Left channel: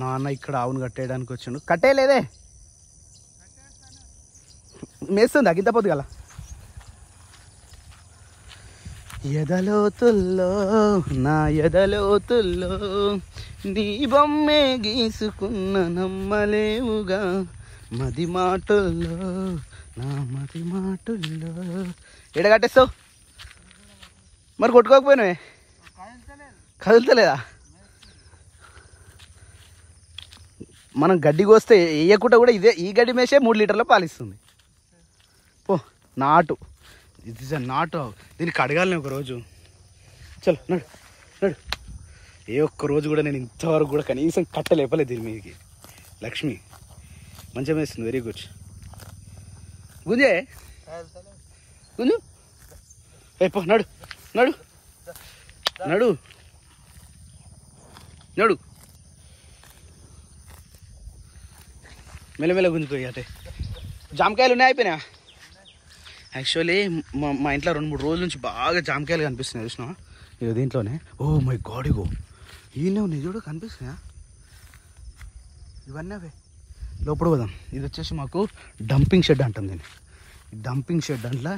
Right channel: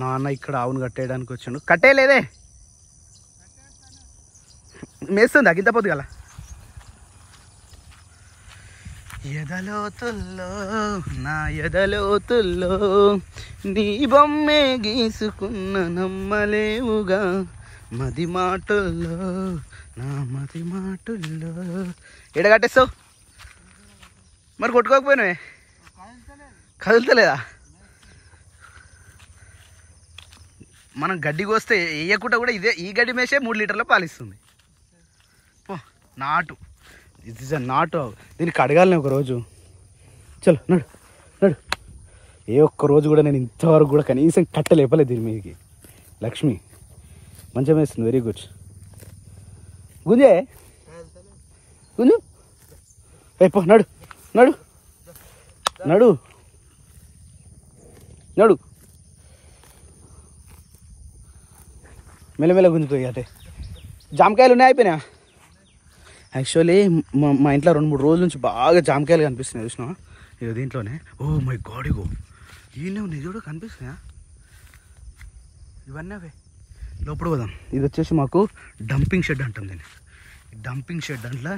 నాన్న ఇక్కడ ఆవును కట్టేయడానికి వచ్చాడు. కట్టేయలేదే, మేస్తుంది అగింత పొద్దు గల. ఎదలోతుల్లో నా ఎదలోతుల్లో నీ బొమ్మే గీసుకున్న నమ్మలేవుగా, మది మాటల్లో నా మది మాటల్లో. ఎడ కట్టేస్తావు మరి? కొట్టుకోకపోయినావే, కదులుతలేదా? మనం గడ్డి కోస్తే వేయకుండా కూడా ఇదే ఈ గడ్డి మేసే 3 లీటర్ల పాలిస్తుంది. ఓ నాటు, ఇది నాటు. దీనికి అడగాలని ఒకరోజు. చలో నడు నడు. ఏ ఒక్క రోజు కూడా నేను ఇంతవరకు కూడా కనీసం కట్టె లేపలేదు దీని మీదకి. లక్ష్మి మంచిగా వేస్తుంది, వెరీ గుడ్. గుంజే గుంజు. పో నడు నడు నడు నడు. మెల్లమెల్ల గుంజుకోయి అటే. జామకాయలు ఉన్నాయి, అయిపోయినా. యాక్చువల్లీ మా ఇంట్లో 2-3 రోజుల నుంచి బాగా జామకాయలు కనిపిస్తున్నాయి చూసినా. ఇక దీంట్లోనే. ఓ మై గాడ్, ఇగో వీళ్ళే ఉన్నాయి చూడు, కనిపిస్తున్నాయా? ఇవన్నీ అవే. లోపల పోదాం. ఇది వచ్చేసి మాకు డంపింగ్ షెడ్ అంటాం దీన్ని. డంపింగ్ షెడ్ అంట్లో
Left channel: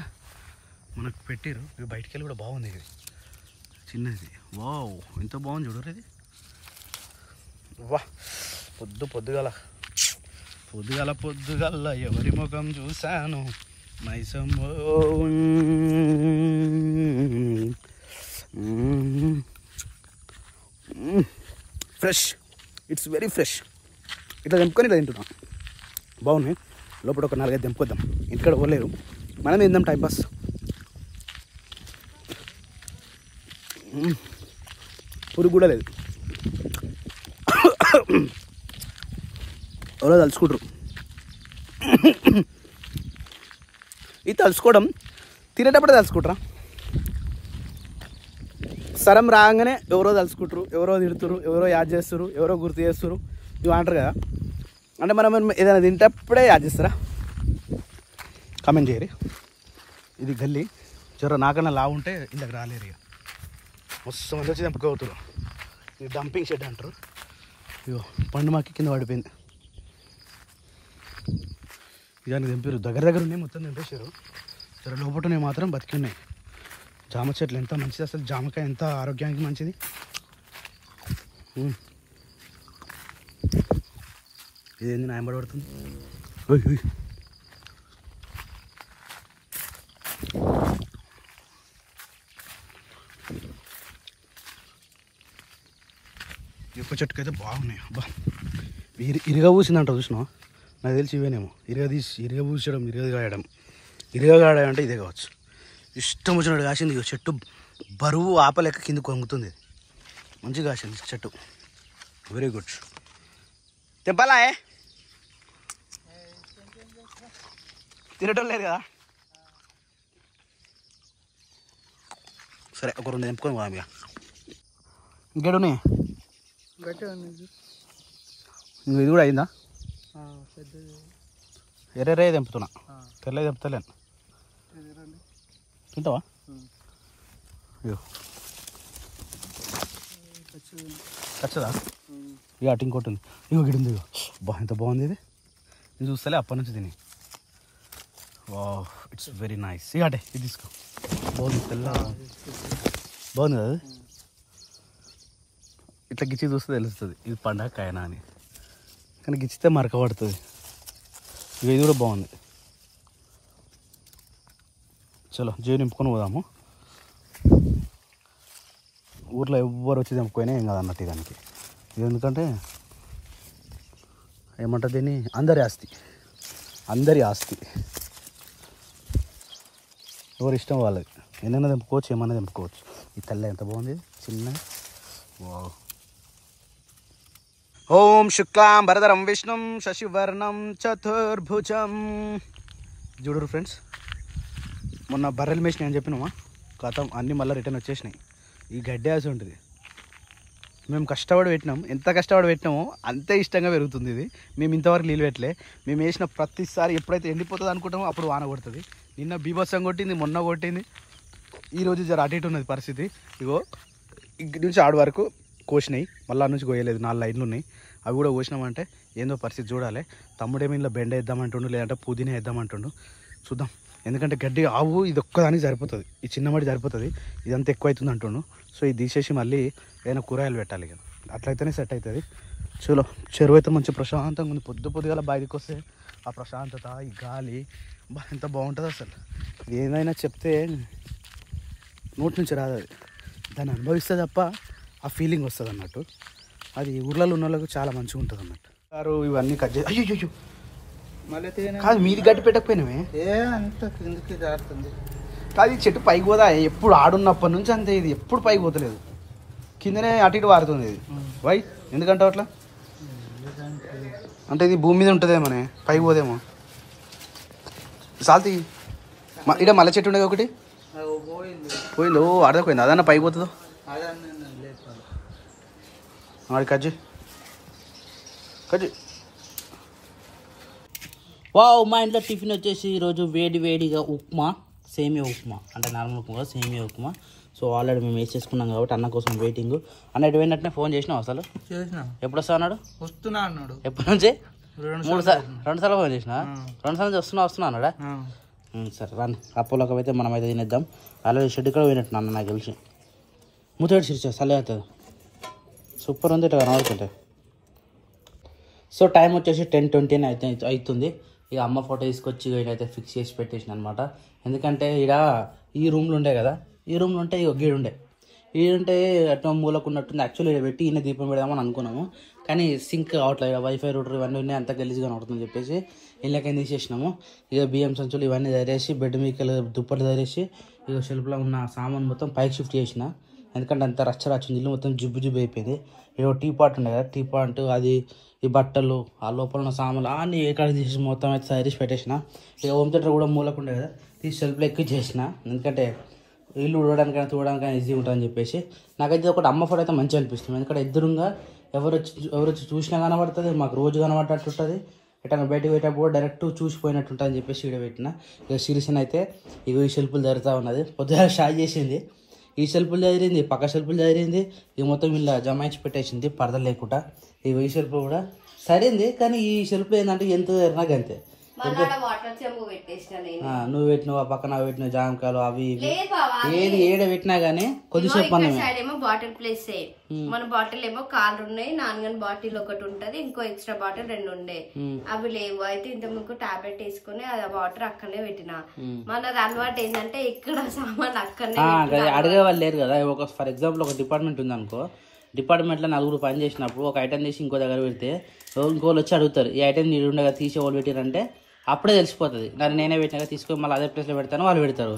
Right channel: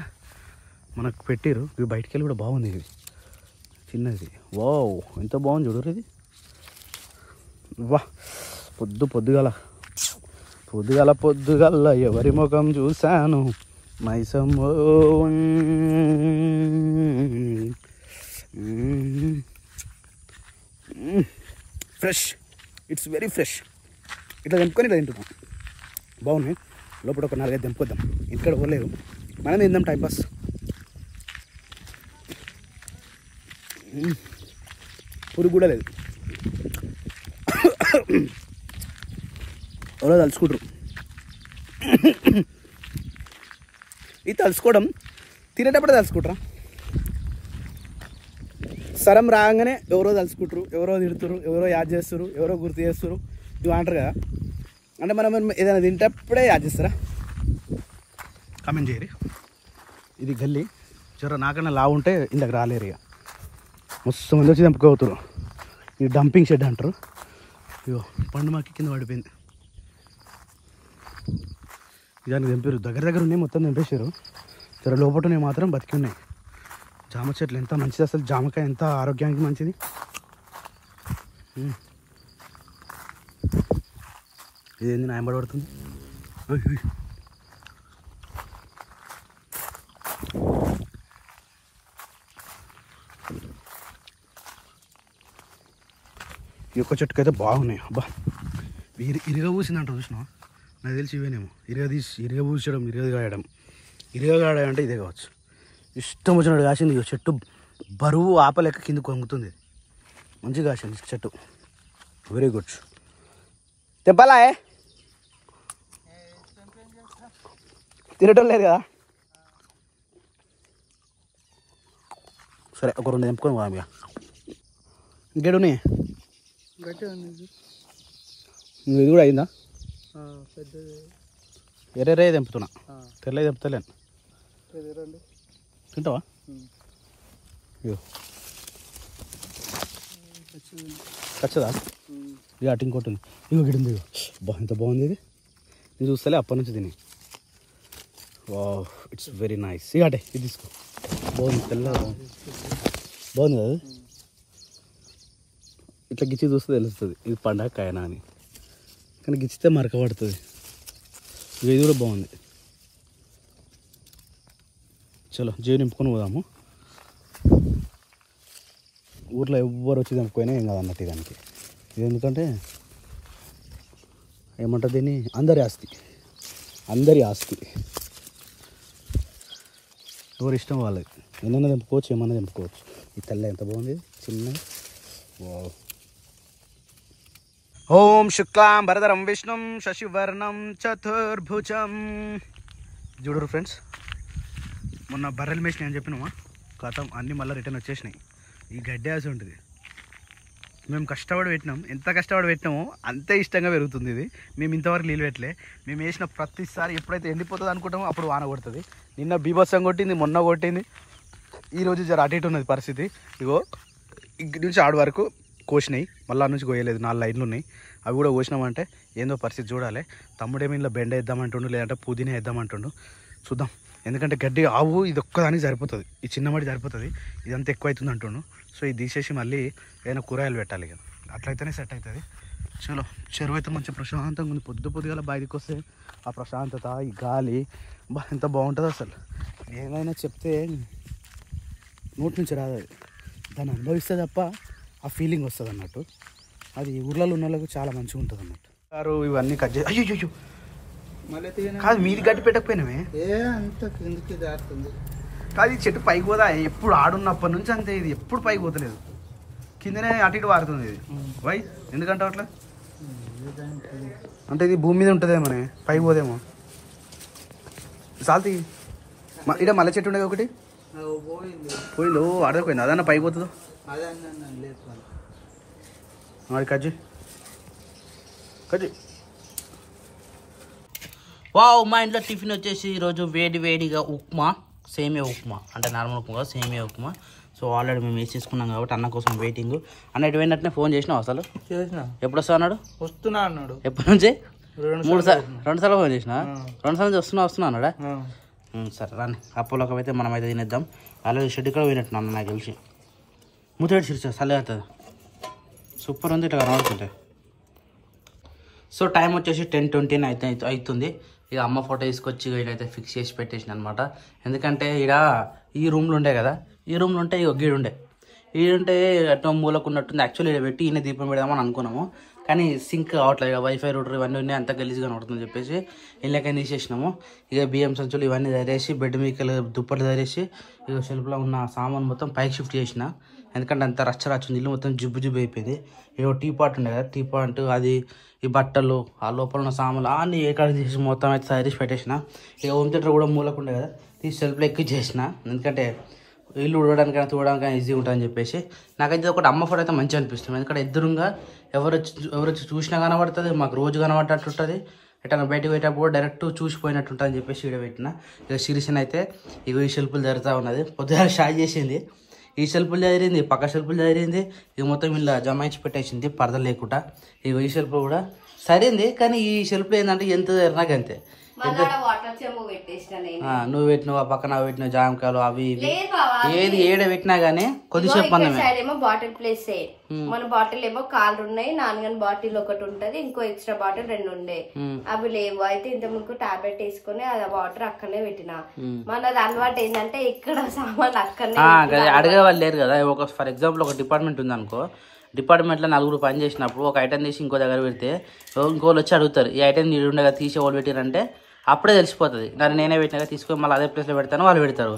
మనకు పెట్టారు. ఇవి బయటికి వెళ్ళి కూడా బాగుంది. ఇది చిన్నది. వావ్ ఎంత బాగుంది చూడరు ఇది. వా పొద్దుగాల ఎవరి ముఖం చూశాను మైసమ్మో. Fresh, it's very fresh. ఇట్లా తెంపుకొని ఇట్లా తింటున్నాం, బాగున్నాయి. లోపల ఒక 4-5 తెంపుకొద్దాం. ఇంటికాడ పోలేరు, మనం తిందాం టైంపాస్. పురుగు కూడా లేదు. ఎవరో తలుచుకుంటారు. ఇది తలుచుకోవడం తినేటప్పుడే తలుచుకుంటారా? సరం రాగానే ఎవరో తలుచుకుంటారు, ఎవరో తిడుతురు, ఎవరో యాద్ చేస్తారు, ఎవరో గుర్తు చేస్తారు. ఇవి అంటారు కదా. అంటే మనం ఏదైనా తింటప్పుడే యాద్ చేస్తారా? కామెంట్ చేయరు. ఇది గల్లీ చివర నాకన్నా లావు ఉంటే ఇందాక రాలేరు. ఇక మస్తు మంది వచ్చి తెంపుకోవుతారు. ఇది డంపింగ్ షెడ్ అంటారు. ఇగో పండు మాకి కింద పడిపోయింది. దానికి తెంపారు. దగ్గర ఉన్నాయి, మొత్తం తెంపేశారు. చివర లోపలనే మాత్రం బతికి ఉన్నాయి. జామ చెట్లు ఎంత మంచిది అసలు. జామకాయ ఎంత ఆరోగ్యానికి మంచిది. ఇదేంది నాయం పడుతుంది. ఈ ఒక్క చెట్టుకు అయితే బాగున్నాయి. అబ్బా ఇరుగా పూసిందంట చూసినా. నాకు తెలిసి ఇవేనేమో. ఇరుగా పూసడం, ఇరుగా గాయడం అంటే ఇదే కావచ్చు. ఇష్టం వచ్చినట్టు కాసింది. ఇక చెట్టు బరువు ఆపలేక కింద కొంగుతుంది. మంచిగా కాసింది చెట్టు, వెరీ గుడ్. తెంపాలా? తినటం లేదు కదా. సరే ఒక 2 తెంపుకొని పోదాం. ఇక ఇంకేడు ఇది కూడా అయిందా? ఎర్రే తెంపుతున్నా, తెల్ల తెంపుతలేను. తింటావా? ఖచ్చితంగా. ఇక అటు ఇంకోటి ఉంది. ఇంకో గిడింది. ఎంత బాగుంది ఇది. ఇది చూస్తలే అప్పటి నుంచి తిని. Wow it's very nice. ఇక అటే ఇది తీసుకో. బాగుంది, తెల్ల బాగుంది కదా. ఇట్లా గిచ్చి చూస్తే తెలుస్తుంది ఇది పండగ కాయనా అని. కానీ గిచ్చితే మరక పడుతుంది. ఇది కూడా బాగుంది. చలో జేబు నింపుకొని పోదాము. ఊర్లో ఎవ్వరు వచ్చి తెంపుకోయినా ఏం కాదు అన్నట్టు దానికి. ఇది ఎందుకంటే ఏమంటారు దీన్ని, అందరి ఆస్తి. ఎవరు ఇష్టం వాళ్ళది. ఎన్నైనా తెంపుకోవచ్చు, ఏమన్నా తెంపుకోవచ్చు. ఈ తెల్ల ఎంత బాగుంది, చిన్న. ఓం శుక్లాం భరధరం విష్ణుం శశివర్ణం చతుర్భుజం. చూడరు ఫ్రెండ్స్, మొన్న బర్రెలు మేసినాయి అని చెప్పినామా, కథం అన్నీ మళ్ళీ రిటర్న్ వచ్చేసినాయి. ఈ గడ్డి ఆశ ఉంటుంది. మేము కష్టపడి పెట్టినాం, ఎంత కష్టపడి పెట్టినామో అంతే ఇష్టంగా పెరుగుతుంది ఇది. మేము ఇంతవరకు నీళ్ళు పెట్టలే. మేము వేసిన ప్రతిసారి ఎప్పుడైతే ఎండిపోతుంది అనుకుంటామో అప్పుడు వాన కొడుతుంది. నిన్న బీభత్సం కొట్టింది, మొన్న కొట్టింది. ఈరోజు జర అటు ఇటు ఉన్నది పరిస్థితి. ఇగో ఇక్కడి నుంచి ఆడు వరకు కోసినాయి, మళ్ళీ నుంచి కోయలేదు. 4 లైన్లు ఉన్నాయి. అవి కూడా కోసినామంటే ఏందో పరిస్థితి చూడాలి. తమ్ముడేమో ఇంట్లో బెండ వేద్దామంటుండు, లేదంటే పుదీనా వేద్దామంటుండు. చూద్దాం, ఎందుకంటే గడ్డి ఆవు ఇది ఒక్కదానికి సరిపోతుంది, ఈ చిన్న మడి సరిపోతుంది, ఇదంతా ఎక్కువ అవుతుంది అంటుండు. సో ఇది తీసేసి మళ్ళీ ఏదైనా కూరగాయలు పెట్టాలి కదా, అట్లయితేనే సెట్ అవుతుంది. చలో, చెరువు అయితే మంచి ప్రశాంతంగా ఉంది. పొద్దుగల బయటకు వస్తే ఆ ప్రశాంతత, ఈ గాలి ఎంత బాగుంటుంది అసలు. ఏదైనా చెప్తే నోటి నుంచి రాదు, అది దాన్ని అనుభవిస్తే తప్ప ఆ ఫీలింగ్ వస్తుంది అన్నట్టు. అది ఊర్లలో ఉన్న వాళ్ళకు చాలా మంచిగా ఉంటుంది అన్నట్టు. సారు ఇవన్నీ కట్ చేసి అయ్యో కాదు, మీది గడ్డి పెట్టకపోయినామే అంత కిందికి దారుతుంది. కాదు ఈ చెట్టు పైకి పోదా, ఎప్పుడు ఆడున్నప్పటి నుంచి అంతే, ఇది ఎప్పుడు పైకి పోతలేదు, కిందనే అటు ఇటు వారుతుంది ఇది. వై ఎందుకంటే అట్లా అంటే ఇది భూమి మీద ఉంటుందేమోనే, పైకి పోదేమో. సాల్తీ ఇక్కడ మల్లె చెట్టు ఉండేది ఒకటి పోయింది. ఓ అడగపోయింది, అదన్నా పైకి పోతుందో మరి కజ్జి వావ్, మా ఇంట్లో టిఫిన్ వచ్చేసి ఈరోజు వేడిగా ఉప్మా, సేమియా ఉప్మా, అంటే నార్మల్ ఉప్మా కాదు, సేమియా ఉప్మా. సో ఆల్రెడీ మేము వేసేసుకున్నాం కాబట్టి అన్న కోసం వెయిటింగ్. అన్న ఎటు పోయినట్టునే ఫోన్ చేసినావు అసలు? చేసిన. ఎప్పుడు వస్తా అన్నాడు? వస్తున్నా అన్నాడు. ఎప్పటి నుంచి? 2 సార్లు ఫోన్ చేసిన. 2 సార్లు వస్తున్నా అన్నాడా? సరే రాని, అప్పులోకి అయితే మనం అయితే తినేద్దాం. ఆల్రెడీ షెడ్ కూడా పోయినట్టు అన్న నాకు తెలిసి. ముత్తేడు చిరుచు చల్లే అవుతుంది, సూపర్ ఉంది ఇట్లా కనబడుతుంటే. సో టైం వచ్చేసి 10:20 అయితే అవుతుంది. ఇక అమ్మ ఫోటో తీసుకొచ్చి ఈయనైతే ఫిక్స్ చేసి పెట్టేసిన అనమాట. ఎందుకంటే ఈడ ఈ రూమ్లు ఉండే కదా, ఈ రూమ్లు ఉంటే ఇక గీడుండే, ఈడుంటే అటు మూలకు ఉన్నట్టుంది. యాక్చువల్లీ ఇక్కడ పెట్టి ఈయన దీపం పెడదామని అనుకున్నాము, కానీ సింక్ కావట్లేదు, ఇక వైఫై రూటర్ ఇవన్నీ ఉన్నాయి, అంత గలీజ్గా కనబడుతుందని చెప్పేసి ఇళ్ళకైనా తీసేసినాము. ఇక బియ్యం సంచులు ఇవన్నీ తయారేసి బెడ్ మీకలు దుప్పట్లు తయారేసి ఇక షెల్ఫ్లో ఉన్న సామాన్ మొత్తం పైకి షిఫ్ట్ చేసిన. ఎందుకంటే అంత రచ్చరచ్చింది, ఇల్లు మొత్తం జుబ్బు అయిపోయింది. ఇక టీ పాట్ ఉండే కదా, టీ పాట్ అది ఈ బట్టలు ఆ లోపల ఉన్న సామాన్లు అన్నీ ఏకాడ తీసి మొత్తం అయితే తయారీసి పెట్టేసిన. ఇక హోమ్ థియేటర్ కూడా మూలకుండే కదా, తీసి షెల్ఫ్లో ఎక్కి చేసిన. ఎందుకంటే ఇల్లు ఉడవడానికైనా చూడడానికైనా ఈజీగా ఉంటుందని చెప్పేసి. నాకైతే ఒకటి అమ్మ ఫోటో అయితే మంచిగా అనిపిస్తుంది, ఎందుకంటే ఎదురుగా ఎవరు వచ్చి చూసినా కనబడుతుంది, మాకు రోజు కనబడ్డట్టు ఉంటుంది. ఎటన్నా బయటకు పోయేటప్పుడు కూడా డైరెక్ట్ చూసిపోయినట్టు ఉంటుంది అని చెప్పేసి ఇక్కడ పెట్టిన. ఇక సిరిసన్ అయితే ఇక ఈ షెల్ఫ్లు జరుగుతూ ఉన్నది, పొద్దుగా షాయ్ చేసింది, ఈ షెల్ఫ్లు చదిరింది, పక్క షెల్ఫ్లు చదిరింది, ఇక మొత్తం ఇలా జమాయించి పెట్టేసింది పరద లేకుండా. ఇక ఈ షెల్ఫ్ కూడా సరైంది, కానీ ఈ షెల్ఫ్లో ఏంటంటే ఎంత నాకు అంతే. నువ్వు పెట్టినావు, ఆ పక్కన పెట్టిన జామకాయలు అవి ఏది ఏడ పెట్టినా గానీ కొద్దిసేపు ఏమో బాటిల్ ప్లేస్ మన బాటిల్ ఏమో కాళ్ళు ఉన్నాయి, నాన్నగాని బాటిల్ ఒకటి ఉంటది, ఇంకో ఎక్స్ట్రా బాటిల్ 2 ఉండే, అవి లేవు. అయితే ఇంత ముందుకు టాబ్లెట్ వేసుకుని అది వాటర్ అక్కడనే పెట్టిన. మనది అలవాటు ఏంటంటే ఇక్కడ సామాన్ అక్కడనే అడిగే వాళ్ళు లేరు కదా. ఒక ఫర్ ఎగ్జాంపుల్ ఒక డిపార్ట్మెంట్ ఉంది అనుకో, డిపార్ట్మెంట్లో 4 పని చేసినప్పుడు ఒక ఐటమ్ తీసి ఇంకో దగ్గర పెడితే ఇంకోళ్ళు వచ్చి అడుగుతారు, ఈ ఐటమ్ నీడు ఉండగా తీసే వాళ్ళు పెట్టారంటే అప్పుడే తెలిసిపోతుంది. దాన్ని నేనే పెట్టినాక తీసుకొని మళ్ళీ అదే ప్లేస్లో పెడతాను, వాళ్ళు పెడతారు.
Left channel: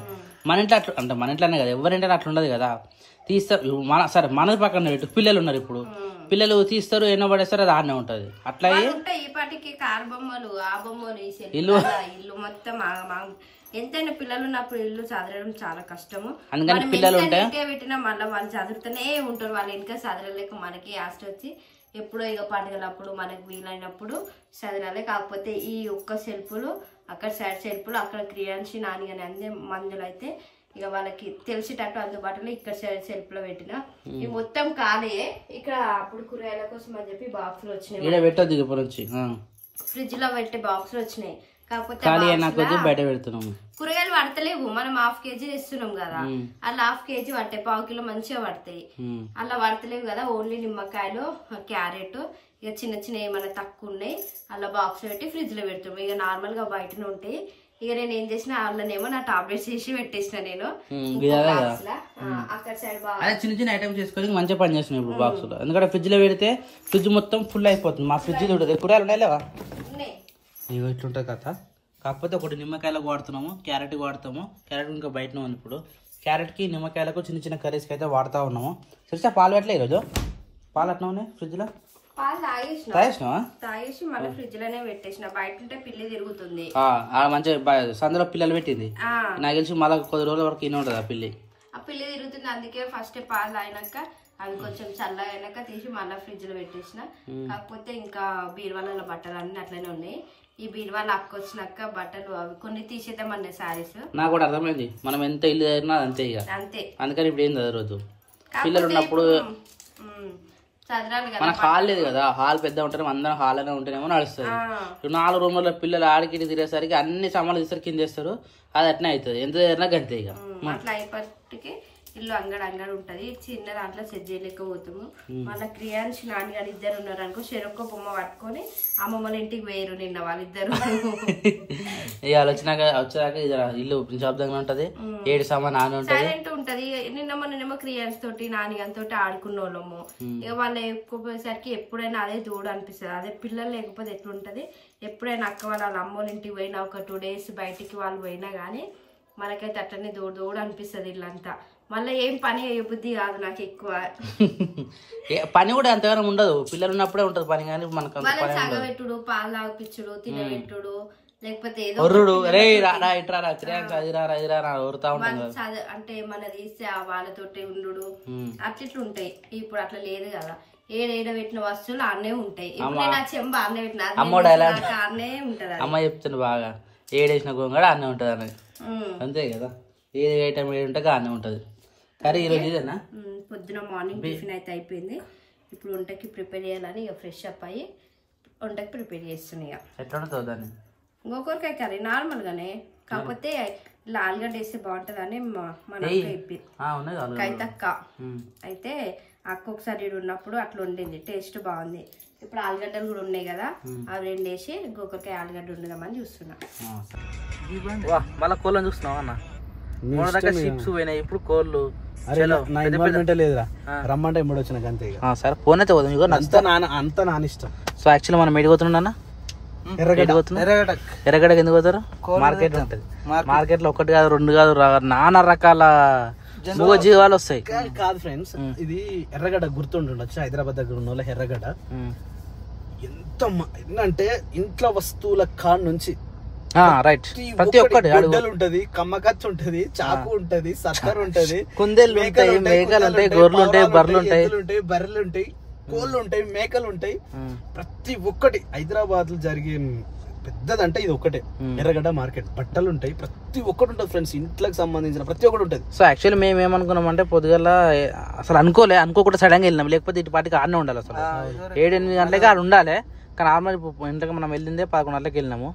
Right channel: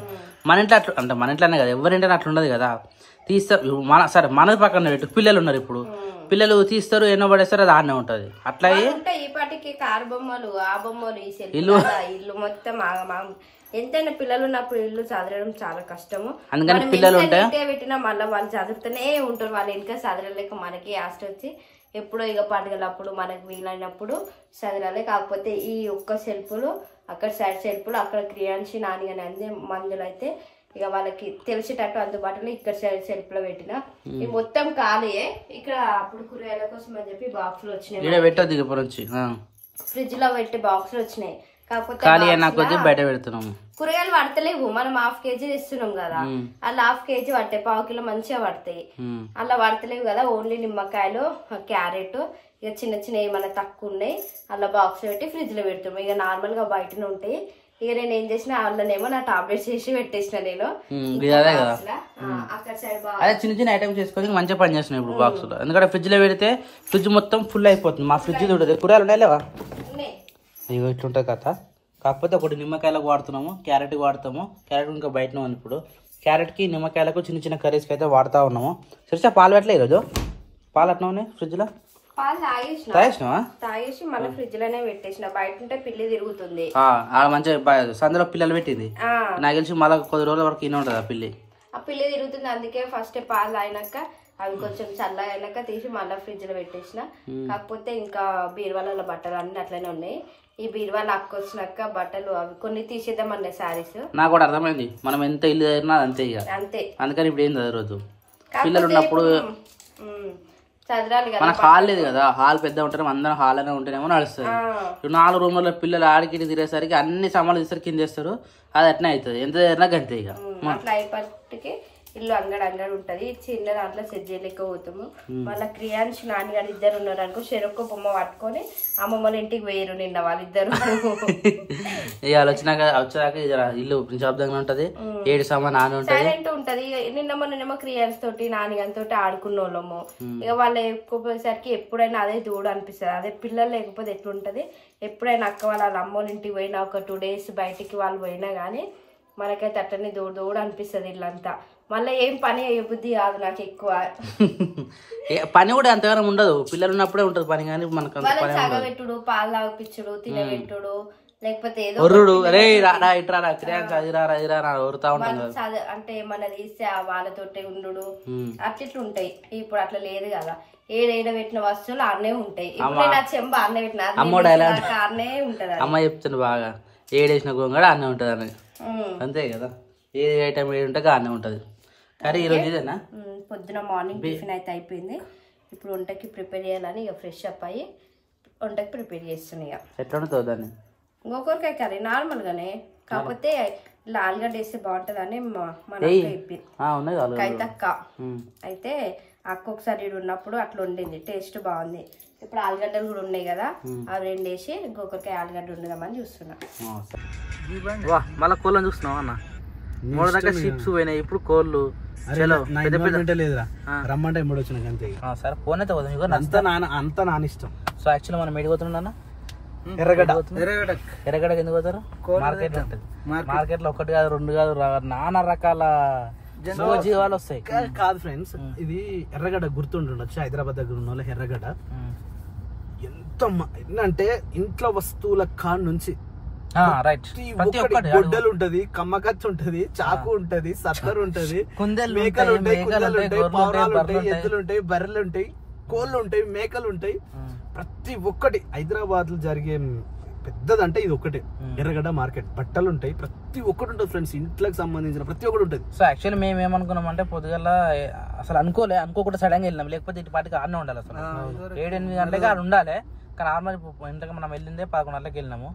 మన ఇంట్లో అట్లా అంటే మన ఇంట్లోనే కదా, ఎవరింటే అట్లా ఉండదు కదా. తీస్తారు సరే మనది పక్కన పెట్టు, పిల్లలు ఉన్నారు ఇప్పుడు, పిల్లలు తీస్తారు ఎన్నో పడేస్తారు, అది ఆడనే ఉంటది. అట్లా ఈ పాటికి కారు బొమ్మలు ఆ బొమ్మలు ఇల్లు మొత్తం ఎంతైనా పిల్లలు ఉన్నప్పుడు ఇల్లు చదవడం చాలా కష్టము. మనం ఎంత పెట్టినా మళ్ళీ వాళ్ళు చదువుతూనే ఉంటారు, వాళ్ళు ఇంకా చదవలేక మనకి ఆస్తి వచ్చి ఎప్పుడో ఇక పండుగలప్పుడు మనకు వీలైనప్పుడు చదరాలి. కాకపోతే ఈ ఒక్క సెల్ఫ్లు అక్కడ సైడ్ సెల్ఫ్లు అక్కడ క్రియాన్షి నాని అని అంది మందులు అయితే ఇక వాళ్ళకి తెలిసేటట్టు అందుబాటులో ఇక్కడ సైడ్ సెల్ఫ్ లో పెట్టిన. ఇవి మొత్తం ఖాళీయే. ఇక్కడ అప్పుడు కూరగాయల కోసం అని చెప్పి బాక్సులు వచ్చినాయి, ఫ్రిడ్జ్ లో పెట్టి బాక్సులు వచ్చినాయి. కాకపోతే కూరగాయలు పడతలేవు, మనం 1/2 kg ఇస్తున్నాం కదా, అలా 1/2 kg పడతాయి, 1/4 కిలో మంచిగా పడతాయి. అలా పడతలేవు కదా, ఓన్లీ నిమ్మకాయలు, క్యారెట్, ఇక చిన్న ఏమన్నా తక్కువ ఉన్నాయి అలా బాక్స్ పెట్టి ఫ్రిడ్జ్ లో పెడుతున్నాం. ఇక నార్మల్ గా బయటనే ఉంటాయి. ఇక నేను ఏం చేసిన వాళ్ళనేమో నా టాబ్లెట్స్ చేసి పెట్టేసిన. నేను అక్కడ సైడ్ అదే చిన్న ఐటమ్స్ చేసుకొని మంచిగా పని చేస్తున్నాయి ఇప్పుడు బాక్స్ లో. ఎందుకంటే ఫ్రిడ్జ్ లో పెడితే ఫ్రిడ్జ్ మొత్తం ఫుల్ అయిపోతుంది. మా ఫ్రిడ్జ్ ఉంటుంది, కూరగాయలు ఉన్నాయా ఇవి ఇట్లుంటుంది కదా. కాకపోతే ఒకటి నిమ్మకాయలకు వాడుతున్నాము, క్యారెట్కి వాడతాము. క్యారెట్ ఇంకా బయటనే ఉంది ఇప్పుడు. క్యారెట్కి నిమ్మకాయలకు చిన్న కర్రీస్కి అయితే వాడుతూ ఉన్నాము. సరిసా పాలు పెట్టలే ఈరోజు, పాలు అట్లా ఉన్నాయి ఫ్రిడ్జ్ లో, పాలు తాగేసి మళ్ళీ ఫ్రిడ్జ్ లోనే పెట్టేసిన. బయట ఉంటే పిల్లి తిరుగుతుంది, మంచిగా సందులో పిల్లలు పెట్టింది. నాకు తెలిసి మళ్ళీ కొద్ది రోజుల వరకు ఇన్న ఉంటుంది ఆ పిల్లి తిరుగుతుంది. అందుకే ఫస్ట్ పాలు తాగినాక అవి కొంచెం చల్ల అయినాక తీసి మళ్ళీ ఫ్రిడ్జ్ లో పెట్టేసిన. కాకపోతే ఇంకా బీరువాల బట్టలు అన్ని అట్లనే ఉన్నాయి. ఈ బీరువాలు అక్కొచ్చినాక బట్టలు అవి కొన్ని తీసేద్దాం అన్న శారీస్. నాకు కూడా అర్థమైంది, మనం ఎంత ఇల్లు అయినా అంతే ఇక అంతే. అందుకని ఇప్పుడు ఏం రోజు పిల్లలు ఉన్నప్పుడు చదరాలి కదా మన హాల్ లేదు కదా, హాల్ పెద్ద ఉంటాం, అందరం హాల్ అనే ఉంటేనేమో నడుస్తుంది. 4 రూముల్లో పిల్లలు ఆడికి తిరిగేసరికి అన్ని సామాన్లు తీస్తారు, కింద చేస్తారు, అది అట్నే అవుతుంది. ఎంత జరిగినా గంతే ఇక. అట్లా అయిపోయి ఇల్లు అంగడి ఉంటది. చిన్న దాంట్లో సెట్ చేయలేక పోతాము. మళ్ళీ క్రియాన్స్ నాన్నగారు ఇద్దరు ఉన్నారు అనుకో, చెరొక్క బొమ్మ పట్టుకొని అమ్మమ్మల ఇంటికి పోయారు నిన్న వాళ్ళిద్దరు. ఇక వచ్చాక ఇల్లు నిశ్శబ్దంగా ఉంటది, 7 సామాన్ ఆమె ఉంటది, సైలెంట్ ఉంటది. నిన్నమో క్రియాన్స్ తోటి నాన్నగారి తోటి ఆడుకున్న వాళ్ళము. ఇక వాళ్ళు ఎక్కువసరికి ఎప్పుడైనా అదే దూడు అనిపిస్తుంది. అదే పిల్లలు లేకపోతే ఎట్లుంటది, ఎప్పుడైనా అక్క వాళ్ళ అమ్మోళ్ళ ఇంటికి పోయినా ఒక 2 days బయటికి వాళ్ళు పోయినా గానీ మనకైతే అట్లనే దూడు అనిపిస్తుంది ఇల్లంతా. మళ్ళీ ఏం పని అయ్యే బుద్ధి కాదు నాకు ఎక్కువ. పని కూడా ఎంతగానో ఉండదు, పిల్లలు ఉన్నప్పుడే ఉంటది పని. కానీ మనకు వాళ్ళని సగబెట్టుడు, పాలు తాగిపించుడు, తినబెట్టుడు, లేకపోతే ఏదో అంటే మన తీస్తే వాళ్ళతోటి ఉండు అట్లా ఉంటాయి. ఇప్పుడు అట్లా లేదు కదా, ఏడ పెట్టిన వస్తువులు అన్నే ఉంటాయి. ఇప్పుడు నేను ఆ చెంబ అన్నే పెట్టిన అన్నే ఉంటది. అమ్మ చెప్తుంది బాగా, ఏడేసిన గోంగడ అన్నే ఉంటది అని. అంతే కదా, ఏ ఐటమ్ ఏడుంటే అన్నే ఉంటది. కర్రీ ఈరోజు ఇదేనా? పొద్దున మార్నింగ్ టిఫిన్ అయితే అయిపోయింది. ఇప్పుడు వంటకి ప్రిపేర్ చేయాలని ఇక ఫ్రెష్ అప్ అయ్యి వంటకి ప్రిపేర్ చేస్తున్నాయి. ఎట్లా ఉంటుంది దాన్ని? గోకరకాయ కర్రీ నార్మల్ గానే, కాకపోతే ఇలా ఆలుగడ్డ వేస్తే బాగుంటదని మన అక్క కైతక్క అయితే అక్క ఒకసారి ఉన్నప్పుడు అట్లా వండింది, టేస్ట్ బాగుంది. ఇప్పుడు ఆలుగడ్డలు కూడా ఉన్నాయి కదా, అవి 2 వేసి గోకరకాయ ఆలుగడ్డ వండుదామని చూస్తున్నా. మళ్ళా కోళ్ళని చూస్తున్నావు అన్న, 3 దాకా షిప్స్ పోయినాయి, ఇప్పుడు కోళ్ళు లేదురా, రమ్మంటే ఎప్పుడు వచ్చినాక అంతే. సరే ఫోన్ అయితే పోదాం, అంతా నాన్న ఇష్టం. సో యాక్చువల్లీ మనం ఎడికి పోతున్నాం అన్న, ఎర్రగడ్డకి ఎందుకు పోతారు? మార్కెట్ ఉంటది, మార్కెట్ లో 1 కాదు 2 కాదు నానా రకాల జీవాలు వస్తాయి. కాదు ఫ్రెండ్స్, ఇది ఎర్రగడ్డ గుర్తుండొచ్చు, హైదరాబాద్ దగ్గర ఉన్న వాళ్ళకి ఎర్రగడ్డ ఎంత అంటే ఇంట్లో వస్తువుల కాడ నుంచి గొడ్డలు ఉంటది, కమ్మకచ్చ ఉంటది, చాకు ఉంటది, సత్తరు ఉంటది, మేకలు ఉంటాయి, బర్రెలు ఉంటాయి, కోళ్ళు ఉంటాయి, మేకలు ఉంటాయి. ప్రతి ఒక్కటి హైదరాబాద్ లో జరిగే పెద్దదంటే ఇది ఒకటే ఎర్రగడ్డ మార్కెట్. బట్టలు ఉంటాయి, ప్రతి ఒక్కటి ఉంటుంది ఫ్రెండ్స్, ఇంట్లోకి సంబంధించిన ప్రతి ఒక్కటి ఉంటుంది. సో యాక్చువల్లీ మేము ఏమనుకున్నాం అంటే పొద్దుగల అసలు అనుకోకుండా సడన్ గా వెళ్ళినాం, లేకపోతే ఇటు పాటికి ఆడనే ఉండాలి. అసలు 7-8 గంటలకి ఆడ ఉండాలి, కానీ నార్మల్ ఇంట్లోకి మనం వెళ్ళిందే 11 గంటలకు వెళ్ళినాము.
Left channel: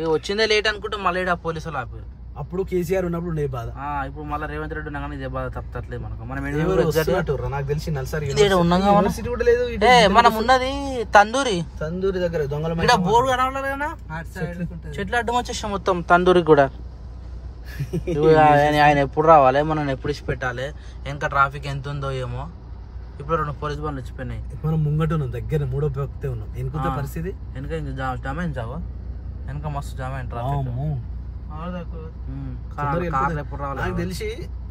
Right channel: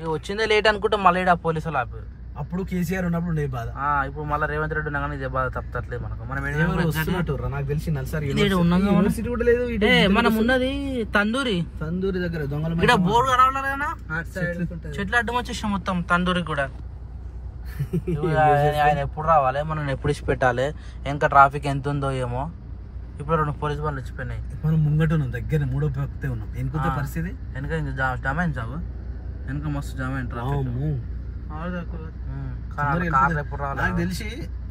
ఇక వచ్చిందే లేట్ అనుకుంటే మళ్ళీ పోలీసులు ఆపి. అప్పుడు కేసీఆర్ ఉన్నప్పుడు ఉండే బాధ, ఇప్పుడు మళ్ళీ రేవంత్ రెడ్డి ఉన్నా కానీ ఇదే బాధ తప్పట్లేదు మనకు. మనం నాకు తెలిసి మనం ఉన్నది తందూరి దగ్గర దొంగల బోర్డు కనవలేదు కదా, చెట్లు అడ్డం వచ్చేసాం మొత్తం తందూరి కూడా. ఆయన ఎప్పుడు రావాలి, మనం ఎప్పుడు ఇచ్చి పెట్టాలి, వెనక ట్రాఫిక్ ఎంత ఉందో ఏమో. ఇప్పుడు 2 పోలీస్ బండ్లు వచ్చిపోయినాయి. మనం ముంగట ఉన్నాం, దగ్గర 3వ వ్యక్తే ఉన్నాం. వెనుక పరిస్థితి వెనక జామ్ అయింది, చావు వెనక మస్తు జామ్ అయింది ట్రాఫిక్. నాకు తెలిసి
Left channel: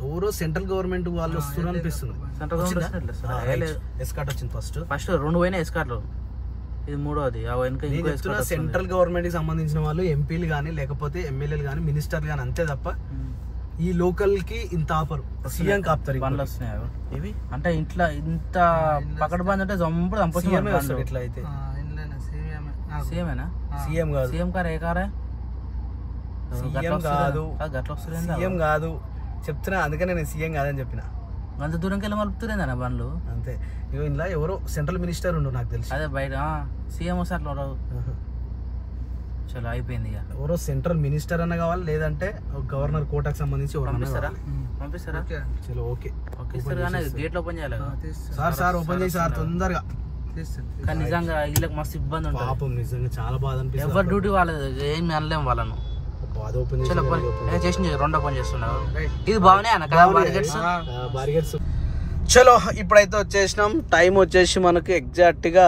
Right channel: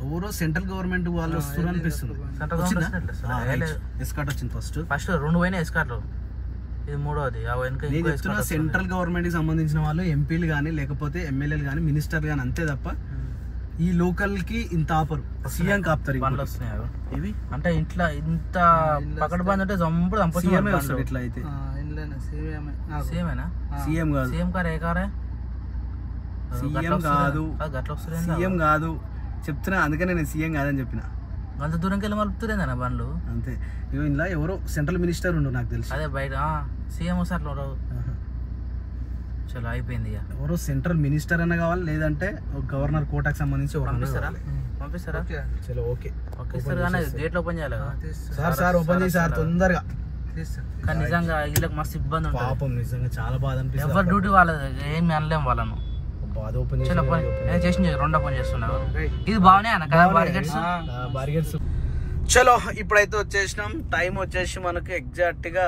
ఎవరో సెంట్రల్ గవర్నమెంట్ వాళ్ళు వస్తున్నారు అనిపిస్తుంది. ఎస్కాట్ వచ్చింది ఫస్ట్ 2 పోయినా ఎస్కాట్లు, ఇది 3వది. సెంట్రల్ గవర్నమెంట్ కి సంబంధించిన వాళ్ళు ఎంపీలు గానీ లేకపోతే ఎమ్మెల్యేలు గానీ మినిస్టర్లు గానీ అంతే తప్ప ఈ లోకల్ కి ఇంత ఆపరు. సీఎం కాపుతారు బండ్లు వస్తున్నాయి ఇవి. అంటే ఇంట్లో ఇంత పకడ్ బంద్ అంటే జంపుడు చంపుతున్నారు. ఇట్లా అయితే సీఎమేనా? సీఎం కాదు, సీఎం కార్ ఏ కారే? సీఎం కాదు చెప్తున్నా, అందుకనే నేను సీఎం కాదని చెప్పిన. అంత దూరంకి వెళ్ళి మలుపుతురేందన్న బండ్లు అంతే. ఇందులో ఎవరో సెంట్రల్ మినిస్టర్ ఉండు నాకు తెలుసు. అదే బయట సీఎం వస్తే అట్లా చలో అయిపోయింది. ఇక ఎవరో సెంట్రల్ మినిస్టర్ అన్న కావాలి, లేదంటే గవర్నర్ కోటాకి సంబంధించి పంపిస్తారా? చలో ఓకే ఇస్తారు కానీ గేట్లు ఓపెన్ చేయాలి కదా సార్. ఓపెన్ చేసి సార్ తొందరగా. కానీ నిజంగా వీళ్ళకి మస్తు ఇబ్బంది ఉంటుంది పాపం, నిజంగా చాలా బాధ అనిపిస్తుంది. ఎవరు డ్యూటీ వాళ్ళది, ఏమి అనలేం వాళ్ళను. రెండో పని చేస్తున్నారు. ఇది బాగున్నాయి అన్న కదా బారిగేట్స్. చలో ఇప్పుడైతే వచ్చేసినాం. టైం వచ్చేసి మనకు ఎగ్జాక్ట్ గా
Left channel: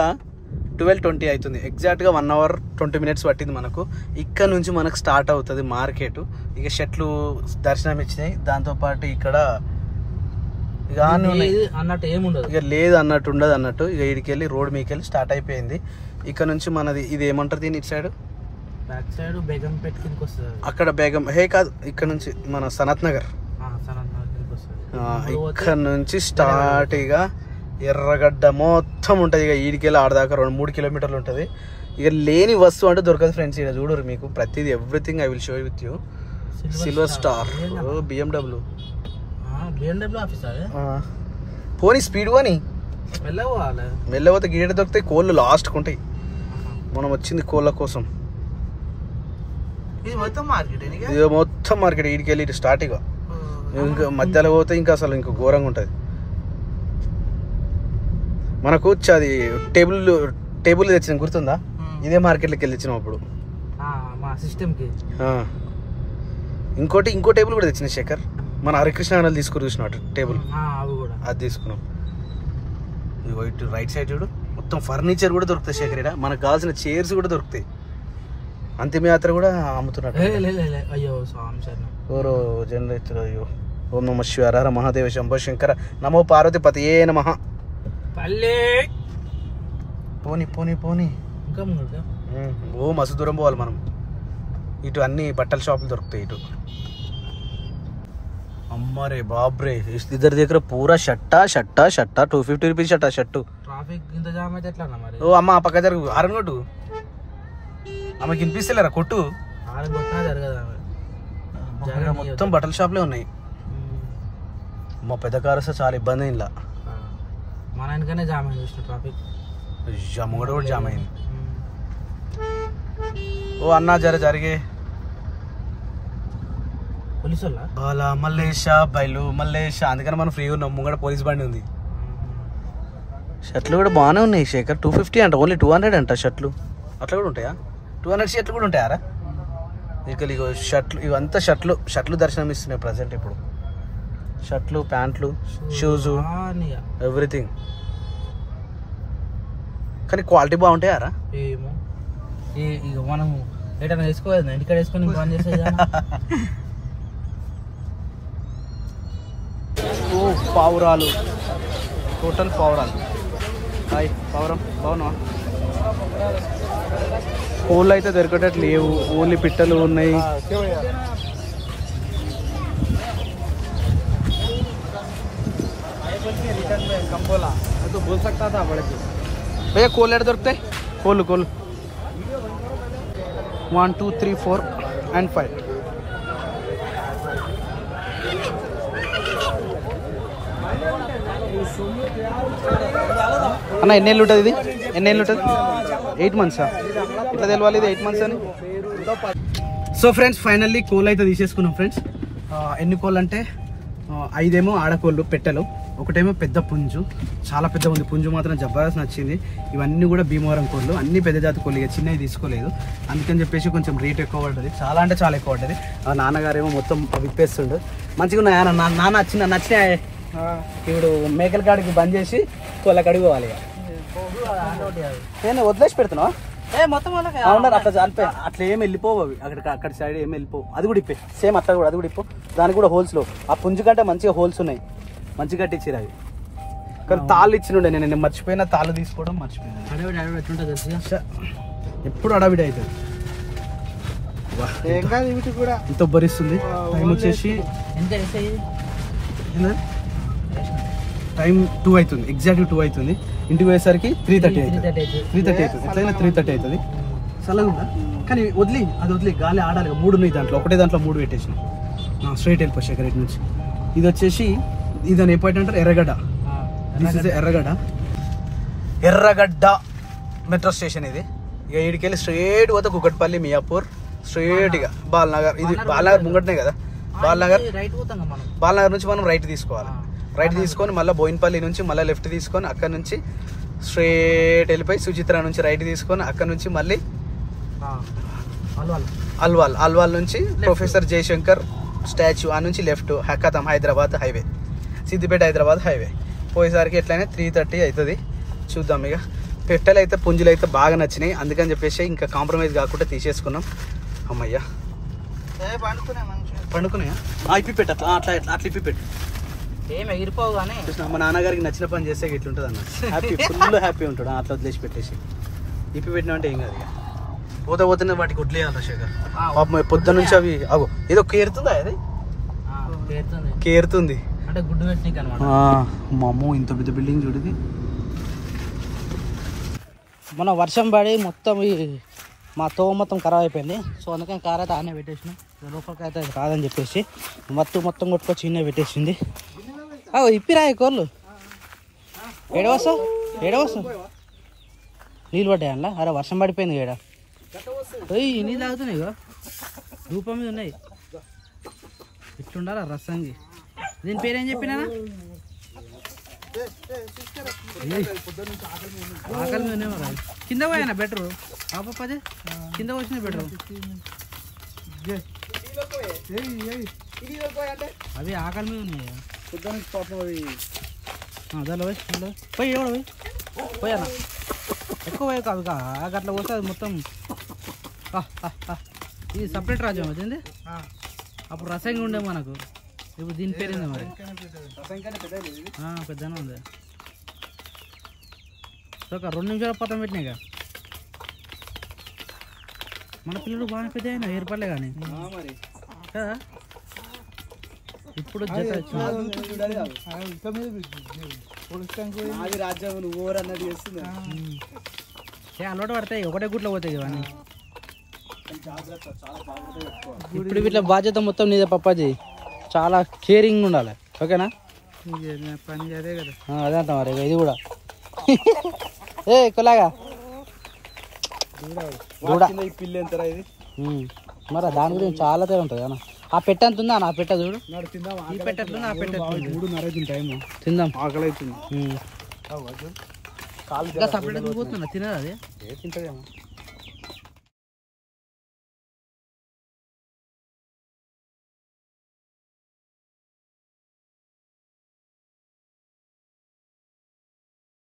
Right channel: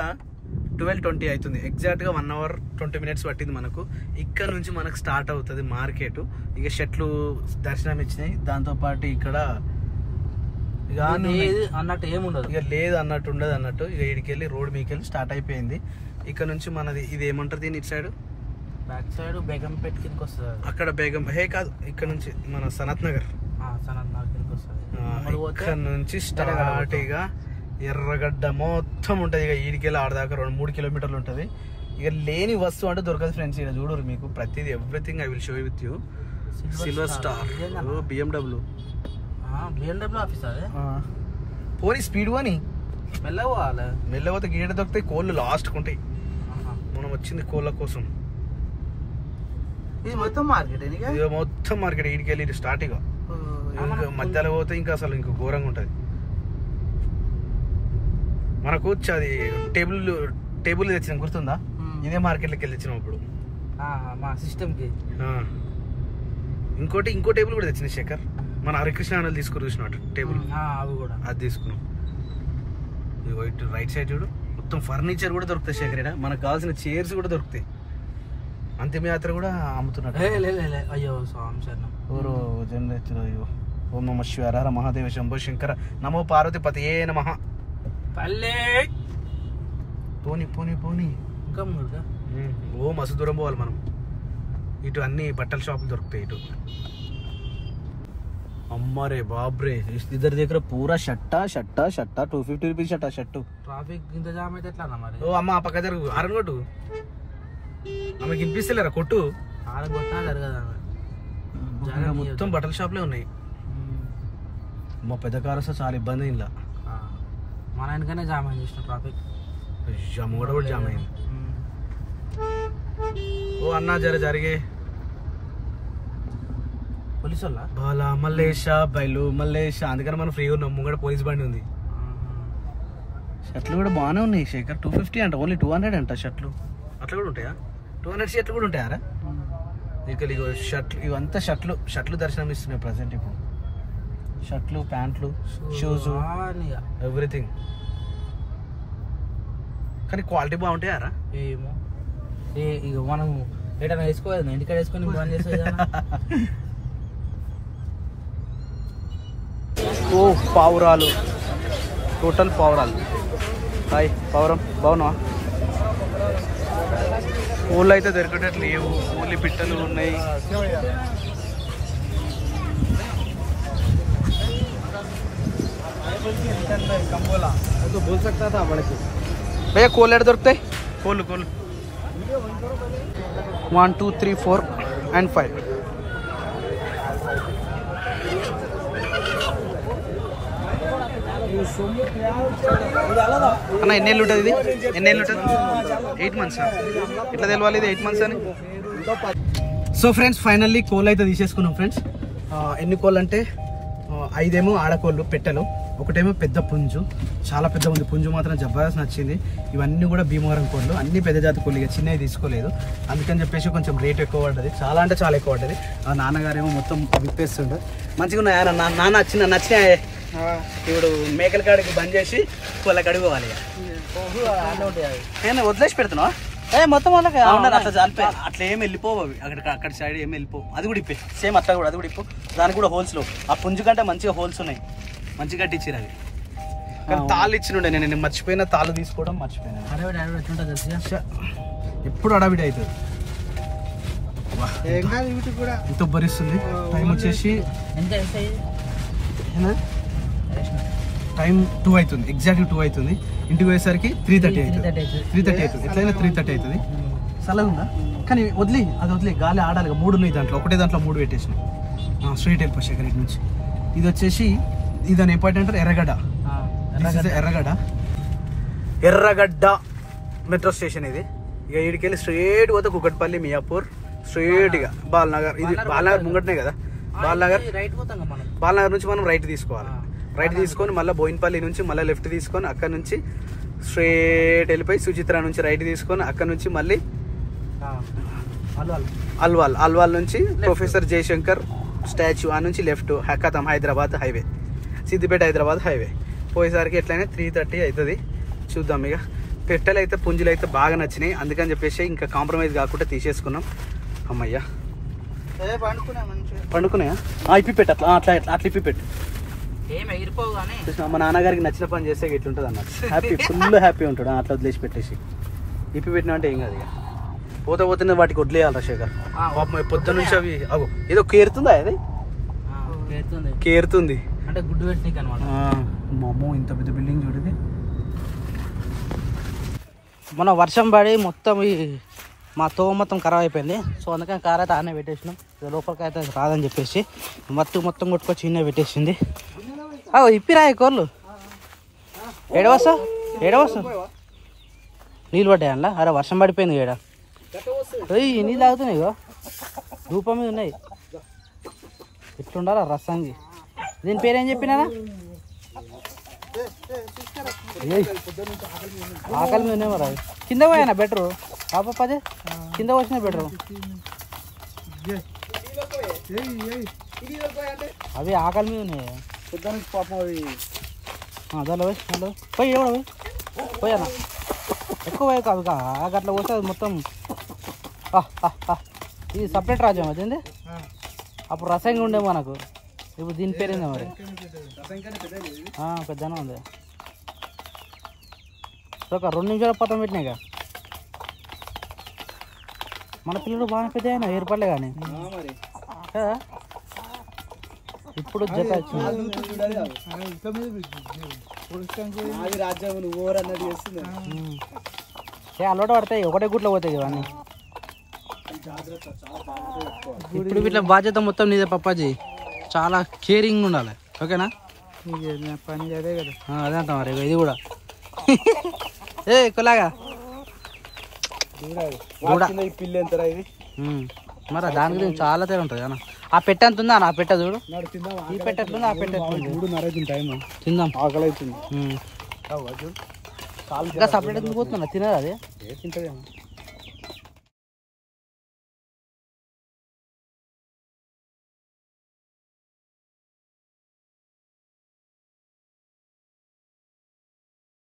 12:20 అవుతుంది. ఎగ్జాక్ట్ గా 1 hour 20 minutes పట్టింది మనకు. ఇక్కడ నుంచి మనకు స్టార్ట్ అవుతుంది మార్కెట్. ఇక షెట్లు దర్శనం ఇచ్చినాయి, దాంతో పాటు ఇక్కడ ఇక అన్నట్టు ఏముండదు, ఇక లేదు అన్నట్టు ఉండదు అన్నట్టు. ఇక ఇడికి వెళ్ళి రోడ్ మీదకి వెళ్ళి స్టార్ట్ అయిపోయింది. ఇక్కడ నుంచి మనది ఇది ఏమంటారు దీని ఇటు సైడ్, అక్కడ బేగం కాదు, ఇక్కడ నుంచి మన సనత్ నగర్, ఇక్కడ నుంచి స్టార్ట్ ఇక ఎర్రగడ్డ మొత్తం ఉంటుంది. ఇక ఈడికెళ్ళి ఆడదాకా 2-3 kilometers ఉంటుంది. ఇక లేని వస్తువు అంటే దొరకదు ఫ్రెండ్స్. ఇక చూడరు మీకు ప్రతిదీ, everything I will show with you. Silver star, BMW పోనీ స్పీడ్ పోనీ మెల్లపోతే గీడ దొరుకుతాయి, కోళ్ళు లాస్ట్కి ఉంటాయి. మనం వచ్చింది కోళ్ళ కోసం. ఇది మొత్తం మార్కెట్ ఇది మొత్తం మార్కెట్. ఈడికి వెళ్ళి స్టార్ట్ ఇక ఇంకా మధ్యలో పోతే ఇంకా అసలు ఇంకా ఘోరంగా ఉంటుంది. మనకు అది టేబుల్ తెచ్చిన గుర్తుందా? ఇదే మార్కెట్లోకి వెళ్ళి తెచ్చినాం అప్పుడు సిస్టమ్కి. ఇంకో టేబుల్ కూడా తెచ్చిన శేఖర్. మన హరికృష్ణ తీసుకుని చూసినట్టు టేబుల్ అది తీసుకున్నాం. వైట్ రైట్ సైడ్ చూడు మొత్తం ఫర్నిచర్ కూడా దొరుకుతాయి శేఖర్. ఇక్కడ మనకు కావాల్సిన చైర్స్ కూడా దొరుకుతాయి. అంతిమయాత్ర కూడా అమ్ముతున్నట్టు. అయ్యో స్వామి సార్ ఓరో జనరేటర్. అయ్యో ఓం నమ శివాయ హర మహాదేవ శంభో శంకర నమో పార్వతి పతియే నమః. పోని పోని పోని ఓ మస్తు దూరం పోవాలి మనం. ఇటు అన్ని బట్టల షాపులు దొరుకుతాయి ఇటు. అమ్మరే బాబ్రే ఇద్దరి దగ్గర పూరా షట్టా 250 రూపీస్ షర్టు. ట్రాఫిక్ ఇంత జామ్ అయితే ఎట్లా మరి? ఓ అమ్మ పక్క జరుగు ఆరన్ కొట్టు. ఆమెకి వినిపిస్తలేరా కొట్టు. మొత్తం బట్టల షాప్లే ఉన్నాయి. మా పెద్ద కారు వస్తే చాలా ఇబ్బంది అయింది. ఇలా మన వెనకనే జామ్ అయింది చూసిన ట్రాఫిక్. ముంగడ కూడా జామ్ అయింది. ఓ అన్నా జరిగే పోలీసు వాళ్ళ బాలా మల్లేష బయలు మల్లేష. అందుకని మనం ఫ్రీ ఉన్నాం. ముంగడ పోలీస్ బండి ఉంది. షర్ట్లు కూడా బాగానే ఉన్నాయి శేఖర్. 250 అంట, ఓన్లీ 200 అంట షర్ట్లు. అట్లా కూడా ఉంటాయా? 200 షర్ట్లు కూడా ఉంటాయారా? ఇక్కడ ఇగో షర్ట్లు ఇవంతా షర్ట్లు దర్శనం ఇస్తున్నాయి ప్రజెంట్ ఇప్పుడు. షర్ట్లు, ప్యాంట్లు, షూస్, ఎవ్రీథింగ్. కానీ క్వాలిటీ బాగుంటాయారా? ఏమో ఇక మనం ఎటైనా వేసుకోవాలి, ఇంటికాడ వేసుకొని బాగా చేసేది. ఓ పావురాలు, టోటల్ పావురాలు. హాయ్ పావురం, బాగున్నావా? కోళ్ళు అయితే దొరికేటట్టు లేవు, ఓన్లీ పిట్టలు ఉన్నాయి. భయ్యా కోళ్ళు ఎక్కడ దొరుకుతాయి? కోళ్ళు 1 2 3 4 and 5. అన్న ఎన్ని ఏళ్ళు ఉంటుంది ఇది? ఎన్ని ఏళ్ళు ఉంటుంది? 8 months. ఎట్లా తెలవాలి ఇది 8 months అని? సో ఫ్రెండ్స్ ఫైనల్లీ కోళ్ళు అయితే తీసేసుకున్నాం ఫ్రెండ్స్. ఎన్ని కోళ్ళు అంటే 5 ఏమో ఆడకోళ్ళు పెట్టెలు, ఒకటేమో పెద్ద పుంజు, చాలా పెద్ద ఉంది. పుంజు మాత్రం జబర్దస్త్ నచ్చింది. ఇవన్నీ కూడా భీమవరం కోళ్ళు, అన్ని పెద్ద జాతి కోళ్ళు. ఇక చిన్నవి తీసుకోలేదు, అందుకని చెప్పేసి కొంచెం రేట్ ఎక్కువ పడ్డది. చాలా అంటే చాలా ఎక్కువ పడ్డది. ఆ నాన్నగారేమో మొత్తం విప్పేస్తుండు. మంచిగా ఉన్నాయి నాన్న. నచ్చినా ఇప్పుడు మేకల కాడికి బంద్ చేసి కోళ్ళ కాడికి పోవాలి. నేను వదిలేసి పెడుతున్నావా? మొత్తం అవునా? అట్లా చాలిపోయి అట్లా ఏమి వెళ్ళిపోవు అవి. అక్కడ సైడ్ ఏమి వెళ్ళిపోవు. అది కూడా ఇప్పే సేమ్ అట్లా కూడా, అది కూడా ఇప్పు. దానికి కూడా హోల్స్లో ఆ పుంజు కంటే మంచిగా హోల్స్ ఉన్నాయి, మంచిగా కట్టించారు అవి. కానీ తాళ్ళు ఇచ్చినుండే, నేను మర్చిపోయినా. తాళ్ళు తీసుకోవడం మర్చిపోయినా. ఎప్పుడు అడవిడి అవుతుంది. ఇంత భరిస్తుంది. టైం వచ్చేసి టైం 2 అవుతుంది, ఎగ్జాక్ట్గా 2 అవుతుంది. ఇంటికి పోయేసరికి 3:30 అవుతుంది. 3:30 అవుతుంది, ఎట్లయినా 3:30 అవుతుంది. చల్లగా ఉందా? కానీ వదిలి గాలి ఆడాలి. 3 ఉన్నాయి దాంట్లో, ఒకటే దాంట్లో 3 పెట్టేసిన. స్ట్రైట్ వెళ్ళిపో శేఖర్ ఇటు నుంచి. ఇది వచ్చేసి ఇదని ఏ పాయింట్ అంటారు? ఎర్రగడ్డ. దిస్ ఇస్ ఎర్రగడ్డ మెట్రో స్టేషన్ ఇది. ఇక ఈడికి వెళ్ళి స్ట్రైట్ పోతే కుకట్పల్లి, మియాపూర్, స్ట్రైట్గా బాలనగర్. ఇది బాలనగర్ ముంగటనే కదా. బాలనగర్ నుంచి మనం రైట్ తీసుకోవాలి. రైట్ తీసుకొని మళ్ళీ బోయిన్పల్లి నుంచి మళ్ళీ లెఫ్ట్ తీసుకొని అక్కడ నుంచి స్ట్రైట్ వెళ్ళిపోయి సుచిత్ర నుంచి రైట్ తీసుకొని అక్కడ నుంచి మళ్ళీ అల్వాల్ నుంచి ప్రొఫెసర్ జయశంకర్ స్టాచ్యూ ఆ నుంచి లెఫ్ట్ ఖతం హైదరాబాద్ హైవే, సిద్దిపేట హైదరాబాద్ హైవే. పోయేసరికి ఎట్లయినా 3:30 అవుతుంది. చూద్దాం. ఇక పెట్టెలు అయితే పుంజులు అయితే బాగా నచ్చినాయి, అందుకని చెప్పేసి ఇంకా కాంప్రమైజ్ కాకుండా తీసేసుకున్నాం. అమ్మయ్యా పండుకున్నాయా? ఇప్పి పెట్ట అట్లా ఇప్పి పెట్టు. ఏమి ఎగిరిపోవు కానీ మా నాన్నగారికి నచ్చిన పని చేస్తే ఎట్లుంటుంది అన్న. హ్యాపీ, ఫుల్ హ్యాపీ ఉంటాడు అట్లా వదిలేసి పెట్టేసి. ఇప్పి పెట్టినా అంటే ఏం కాదు. పోతే వాటికి వదిలేయాలి శేఖర్. పాపం పొద్దున్న నుంచి అవి ఏదో కేరుతుందా? అది కేరుతుంది అంటే గుడ్డు పెట్టినీకి అన్నమాట. మా అమ్మ ఇంత పెద్ద బిల్డింగ్ చూడది. మన వర్షం పడి మొత్తం మా తోవ మొత్తం ఖరాబ్ అయిపోయింది. సో అందుకని కార్ అయితే ఆనే పెట్టేసినాం. లోపలికి అయితే రాదని చెప్పేసి మొత్తం కొట్టుకొచ్చి ఇన్నే పెట్టేసింది. ఇప్పిరాయి కోళ్ళు ఏడవస్తా నీళ్ళు పడ్డాయి అందులో. అరే వర్షం పడిపోయింది ఏడ. నీళ్ళు తాగుతున్నాయి ఇగో రూపం మీద ఉన్నాయి. ఇట్లుండాలా రసంగి. దీని పేరేం చెప్పినా ఆకలి మీద ఉన్నాయి. మరి కింద పోయానా బెటరు పాపదే కింద వచ్చినాయి బెటరు. అవి ఆకలి మీద ఉన్నాయి పాపం అవి దానిలో పోయి ఎవడ పోయానా ఎక్కువ పోయి కాదు అట్లా పోతే అది మొత్తం ఇది సపరేట్ రాజ్యం అదేంది అప్పుడు రసంగా ఉండే మనకు. ఇప్పుడు దీని పేరేందా మరి పెద్దనే ఉంది. ఒక 2 నిమిషాలు పతం పెట్టినాయిగా. మన పిల్లలు బాగా పెద్ద అయినా ఏర్పడలే కానీ కదా. ఇప్పుడు జత అలవాటు పడతాయి. ఒకటే గుట్లో పోతాయి ఇవన్నీ. ఇప్పుడు ఇట్లా బాధ్యత మొత్తం నీదే పప్పాజీ. చాలా కేరింగ్ ఉండాలి ఓకేనా. పని అదే కదా అదే అంట మరి ఇది కూడా. ఏ కొలాగా పిల్లి ఎంతరా ఇది మరి దాని గురించి చాలా తేడా ఉంటుంది అన్న. ఆ పెట్ట ఎంత ఉందా ఆ పెట్ట చూడు. ఈ పెట్ట ఎట్లుంది ఆ పెట్ట ఎట్లుంది. 3:30 టైం తిందాం ఆకలి అవుతుంది. ఇంకా సపరేట్ పోతున్నా తినదు అది. తింటదేమో.